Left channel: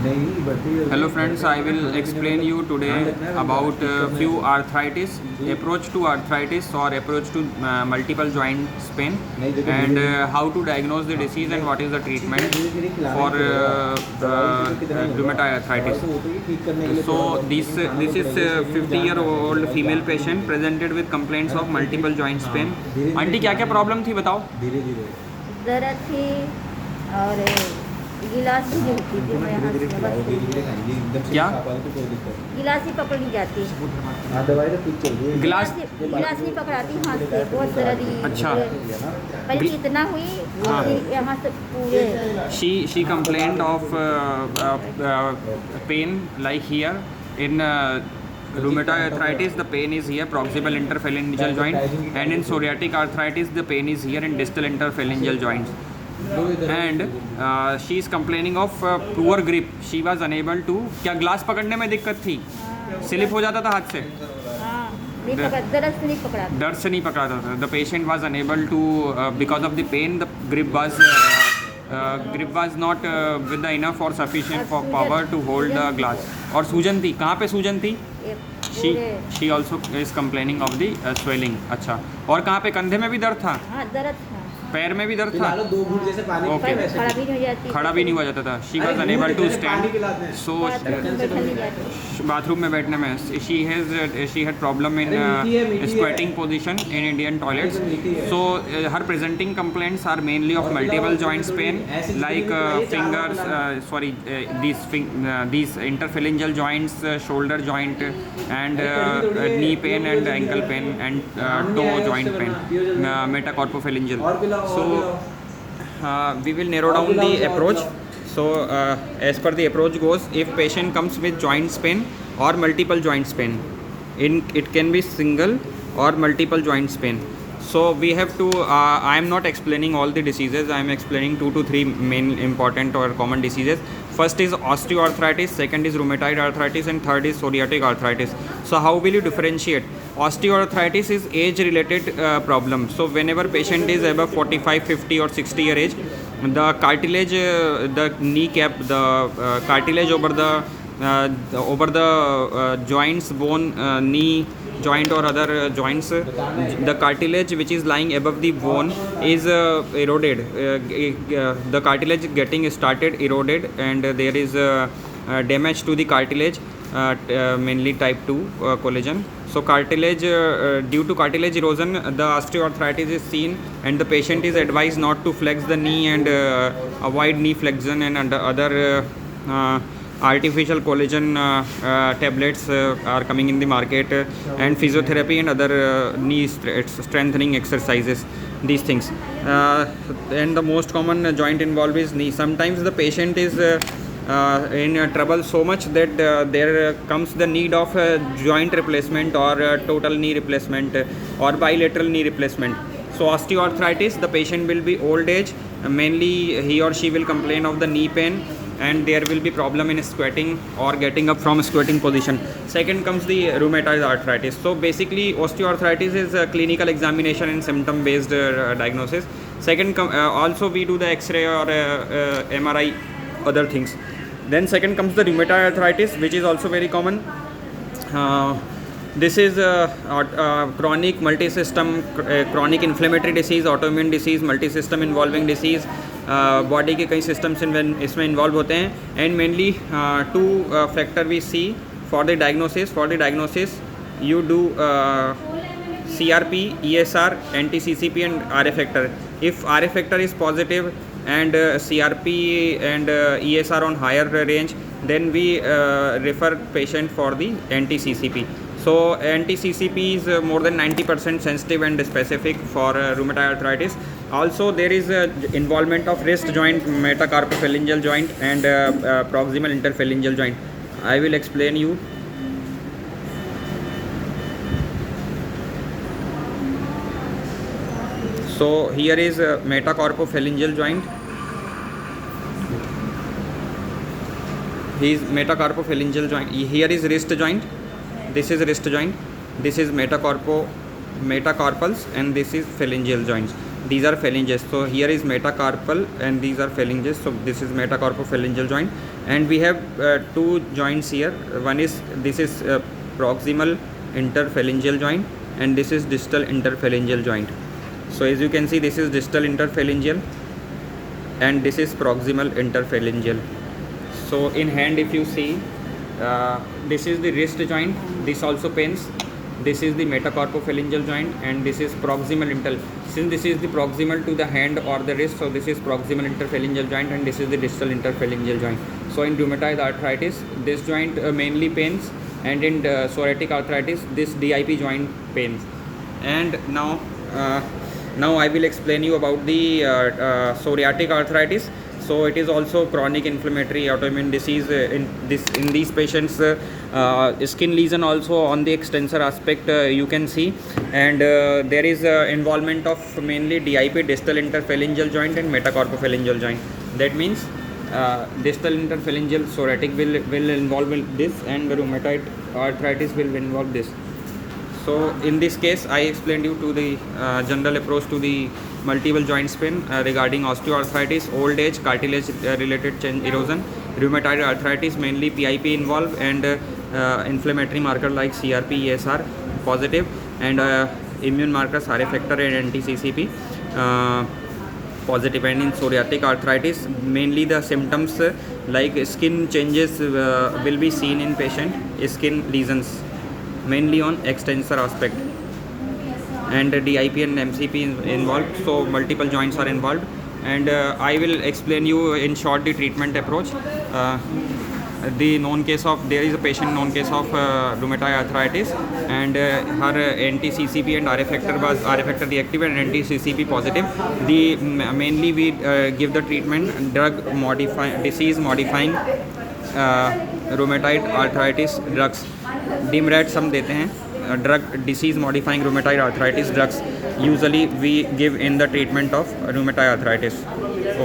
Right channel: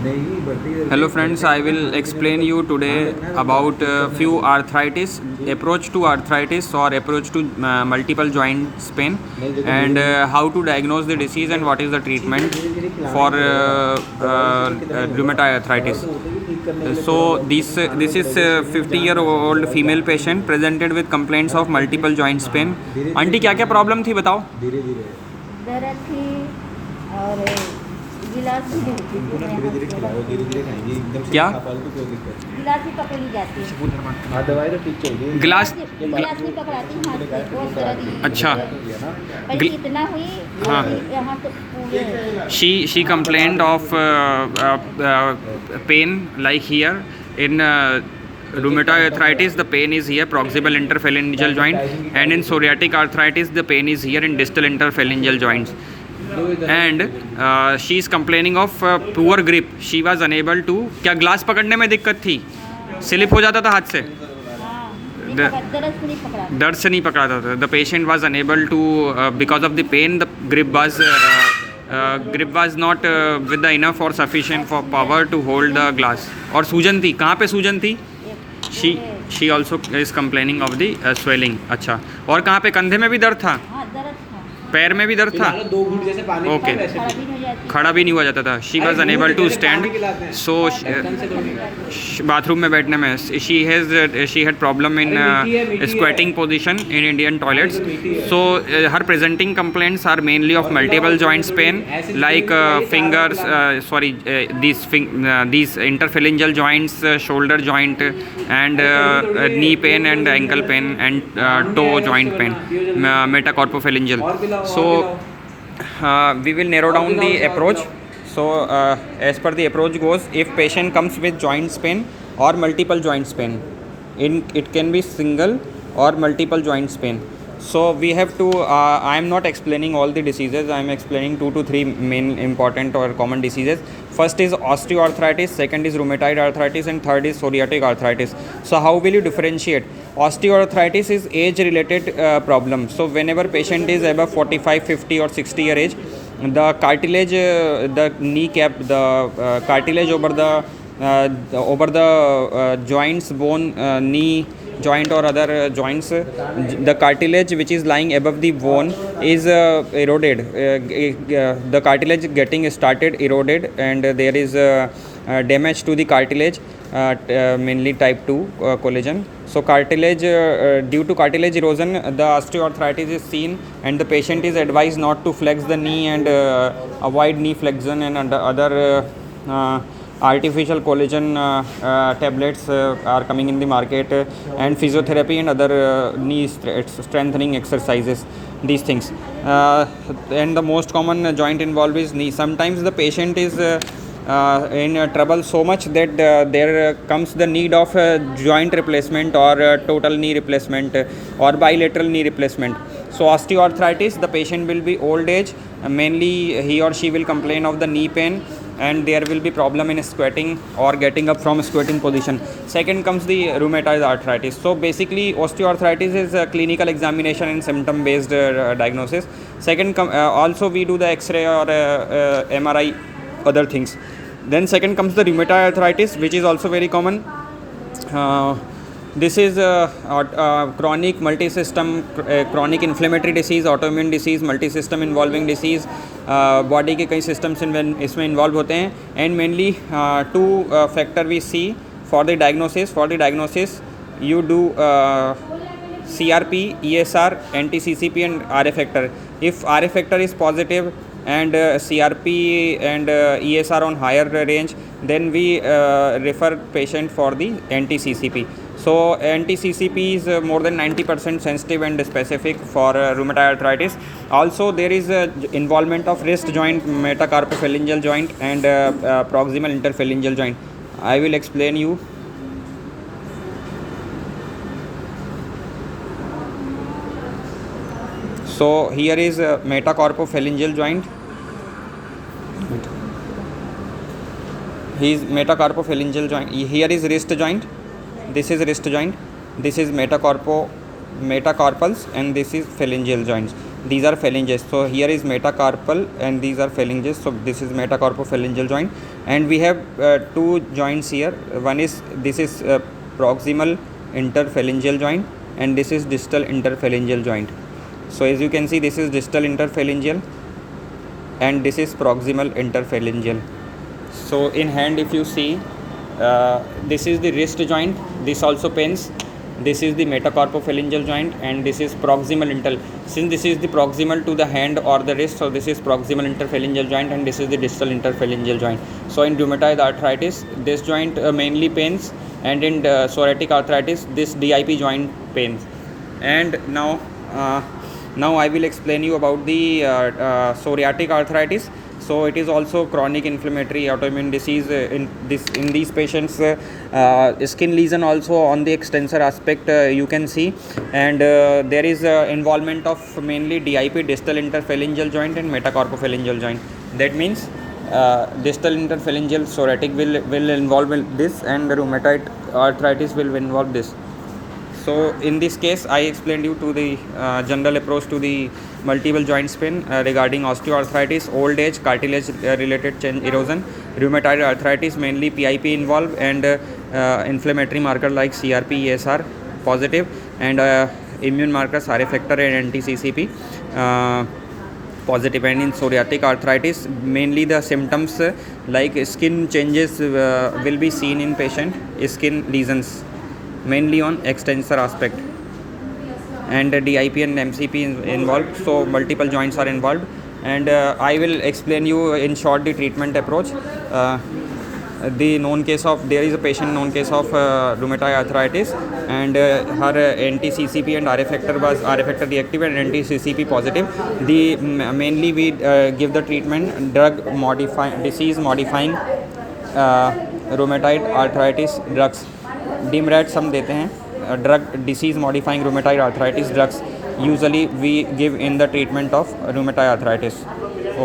Hello friends, I will explain you today about few arthritis, approach to arthritis or approach to multiple joint pain, and how to diagnose the disease and what is the treatment for rheumatoid arthritis. So this is a 50-year-old female patient presented with complaints of multiple joint pain. Aunty क्या क्या problem थी बताओ? दर्द थी और गिलास भी जो होती थी क्या गिलास ही पकड़ ली जाती गिलास गिलास नहीं पकड़ाती हाथ से बहुत दर्द अच्छा पहले कितना हुई हाँ यहाँ से पूरे she complained of pain like here in rheumatoid arthritis. The pain is here, proximal interphalangeal joint, and in psoriatic arthritis the pain is here in distal interphalangeal joints. And she is complaining of poor grip. She was unable to, क्या glass पकड़ने में दिक्कत थी, slip हो जाता था हाथ से, दर्द से नहीं पकड़ाता था. The patient was unable to because of the pain, the grip was not with the enough or sufficient for power to hold the glass. और सूजन थी, कहाँ पे सूजन थी? she also is complaining of the swelling. अच्छा, और कहाँ पे? कंधे में भी दर्द था, पैर में भी दर्द था. ओके, खड़ा भी नहीं हुआ जाता था. She was unable to stand, so bathroom में बैठने में she had problem in squatting position in Indian toilets. So her presenting complaints are mainly of multiple joints pain like fingers, sorry these interphalangeal joints, shoulder joint, and knee pain and ankle pain and toe joint pain, metacarpophalangeal. So we will narrow down the approach. So as per the approach goes, if patient comes with joints pain or multiple joints pain, it can be single or multiple joints pain. So we have to I am not explaining all the diseases, I am explaining 2 to 3 main important or common diseases. First is osteoarthritis, second is rheumatoid arthritis, and third is psoriatic arthritis. So how will you differentiate? Osteoarthritis is age related problem. So whenever patient is above 45, 50 or 60 year age, the cartilage, the kneecap, the cartilage over the joints, bone, knee joint or other joints, the cartilage which is lying above the bone is eroded. The cartilage getting started eroded, and there is damage to the cartilage, mainly type 2 collagen. So cartilage, due to cartilage erosion, the osteoarthritis is seen, and the patient is advised not to flex the knee and avoid knee flexion and other artificial collagen tablets are coming in the market, and physiotherapy and other knee strengthening exercises, these things. And the most common joint involved is knee. Sometimes the patient is in trouble so much that there comes the need of joint replacement or total knee replacement or bilateral knee replacement. So osteoarthritis, the patient will be old age, mainly he or she will complain of the knee pain, and there will be problem in squatting or getting up from squatting position. Second comes the rheumatoid arthritis. So basically osteoarthritis is a clinical examination and symptom based diagnosis. Second also we do the x-ray or MRI, other things. Then second comes the rheumatoid arthritis, which is also very common. This is chronic multi-system, chronic inflammatory disease, autoimmune disease, multi-system involving disease. Body के कई systems इसमें involve होते हैं, and mainly 2 factor we see for the diagnosis. you do CRP, ESR, anti-CCP and RA factor. If RA factor is positive and CRP and ESR on higher range, then we refer patient for the anti-CCP. So anti-CCP is more than 90% sensitive and specific for rheumatoid arthritis. Also there is involvement of wrist joint, metacarpophalangeal joint, and proximal interphalangeal joint. I will explain you. So here is metacarpophalangeal joint. He is metacarpophalangeal joint. Here is wrist joint. This is wrist joint. This is metacarpals, and this is phalangeal joints. these are phalanges. So here is metacarpal and these are phalanges. So this is metacarpophalangeal joint, and we have two joints here. One is this is proximal interphalangeal joint, and this is distal interphalangeal joint. So as you can see, this is distal interphalangeal and this is proximal interphalangeal. So in hand, if you see, this is the wrist joint, this also pains. This is the metacarpophalangeal joint, and this is proximal inter. Since this is the proximal to the hand or the wrist, so this is proximal interphalangeal joint, and this is the distal interphalangeal joint. So in rheumatoid arthritis, this joint mainly pains, and in psoriatic arthritis, this DIP joint pains. And now I will explain you about the psoriatic arthritis. So it is also chronic inflammatory autoimmune disease. In these patients, skin lesion also on the extensor aspect you can see, and there is involvement of mainly DIP, distal interphalangeal joint, and metacarpophalangeal joint. That means distal interphalangeal psoriatic will involve in this, and rheumatoid arthritis will involve this. So in this case, I explained you to the general approach to the multiple joint pain regarding osteoarthritis, old age, cartilage related chain erosion, rheumatoid arthritis, mainly PIP involved, and inflammatory marker like CRP, ESR positive, and immune markers RA factor and anti-CCP positive. And in psoriatic arthritis, mainly the symptoms like skin changes will be seen in patient, skin lesions mainly on extensor aspect, and DIP and MCP involved. So multiple joints are involved, and I will explain you in short the treatment approach. The known case of, there is a patient known case of rheumatoid arthritis, and her anti-CCP and RA factor was RA factor reactive and anti-CCP positive. The mainly we give the treatment drug modifying, disease modifying rheumatoid arthritis drugs. DIMRADS हम देते हैं, drug disease modifying rheumatoid arthritis drugs usually we give in the treatment of rheumatoid arthritis. Okay.